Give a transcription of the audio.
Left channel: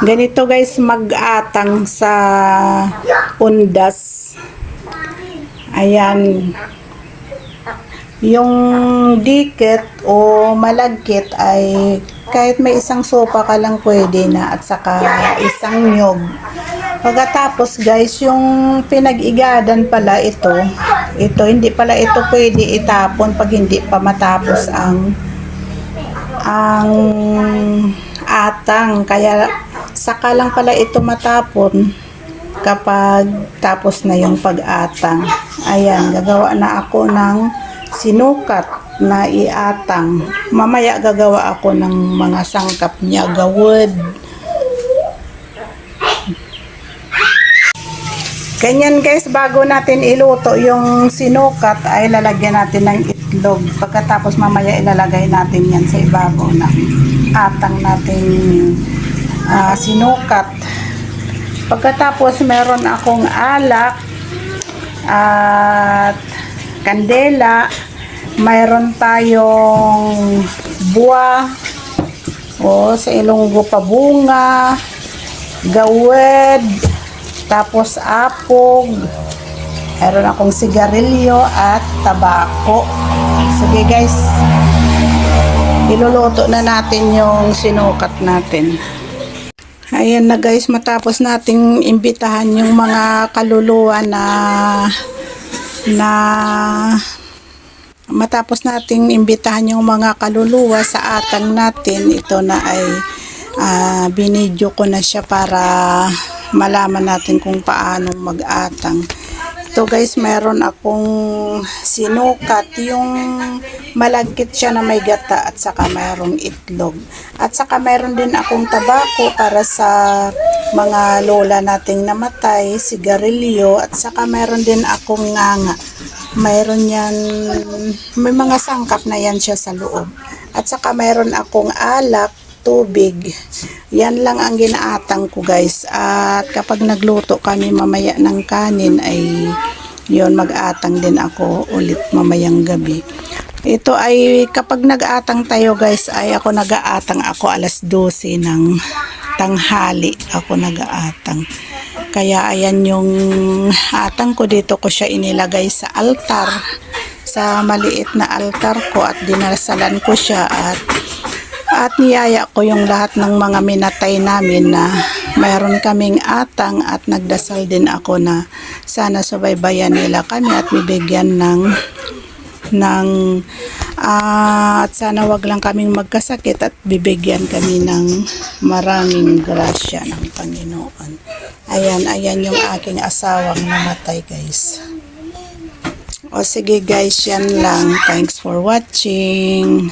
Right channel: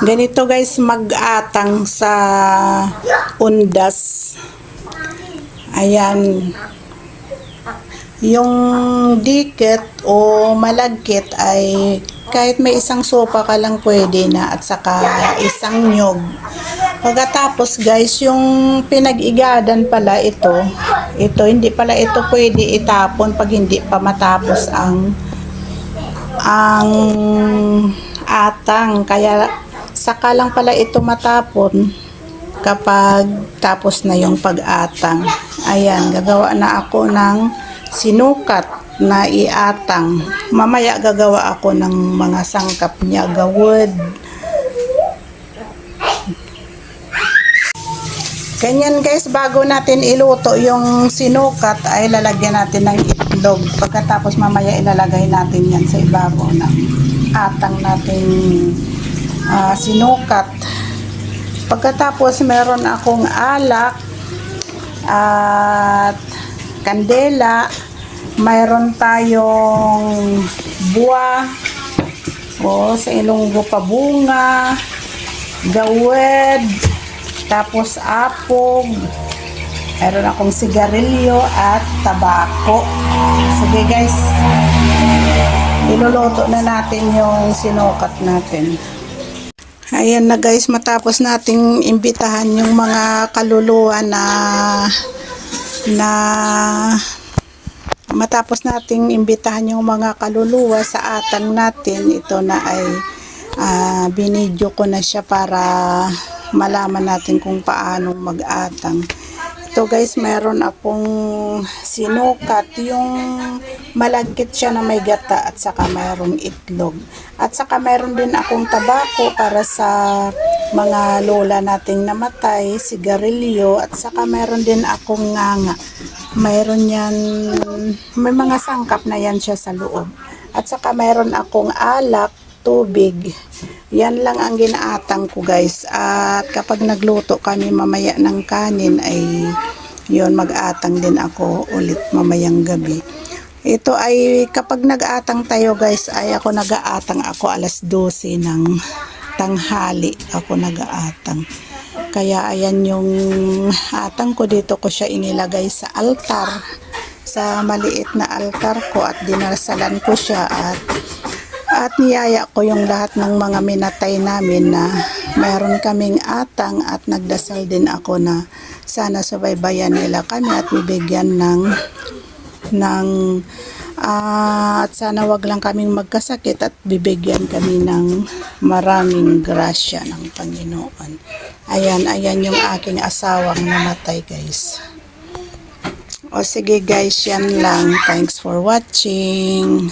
Ganito guys mag-atang sa undas. Ayan. Yung dikit o malagkit ay kahit may isang sopa ka lang pwede na at saka isang nyog. Pagkatapos guys, yung pinag-igadan pala ito, ito hindi pala ito pwede itapon pag hindi pa matapos ang ang atang. Kaya saka lang pala ito matapon kapag tapos na yung pag-atang. Ayan, gagawa na ako ng sinukat na iatang. Mamaya gagawa ako ng mga sangkap niya, gawad. Ganyan guys, bago natin iluto yung sinukat ay lalagyan natin ng itlog. Pagkatapos mamaya ilalagay natin yan sa ibabaw ng atang natin ah, sinukat. Pagkatapos meron akong alak at kandela. Mayroon tayong buwa o sa Ilonggo pabunga, gawed, tapos apog, meron akong sigarilyo at tabako. Sige guys, iluluto na natin yung sinukat natin. Ayan na guys, matapos nating imbitahan yung mga kaluluwa na na matapos nating imbitahan yung mga kaluluwa sa atang natin, ito na ay ah, binidyo ko na siya para malaman natin kung paano mag-atang. Ito guys, meron akong sinukat yung malagkit siya na may gata at saka mayroong itlog. At saka meron din akong tabako para sa mga lola nating namatay, sigarilyo at saka meron din akong nganga. Mayroon yan, may mga sangkap na yan siya sa loob. At saka mayroon akong alak, tubig. Yan lang ang ginaatang ko guys. At kapag nagluto kami mamaya ng kanin ay yon mag-atang din ako ulit mamayang gabi. Ito ay kapag nag-atang tayo guys ay ako nag-aatang ako alas 12 ng tanghali ako nag-aatang. Kaya ayan yung atang ko dito ko siya inilagay sa altar sa maliit na altar ko at dinasalan ko siya at at niyaya ko yung lahat ng mga minatay namin na mayroon kaming atang at nagdasal din ako na sana subaybayan nila kami at bibigyan ng ng ah, at sana wag lang kaming magkasakit at bibigyan kami ng maraming grasya ng Panginoon. Ayan, ayan yung aking asawang namatay guys. O sige guys, yan lang. Thanks for watching.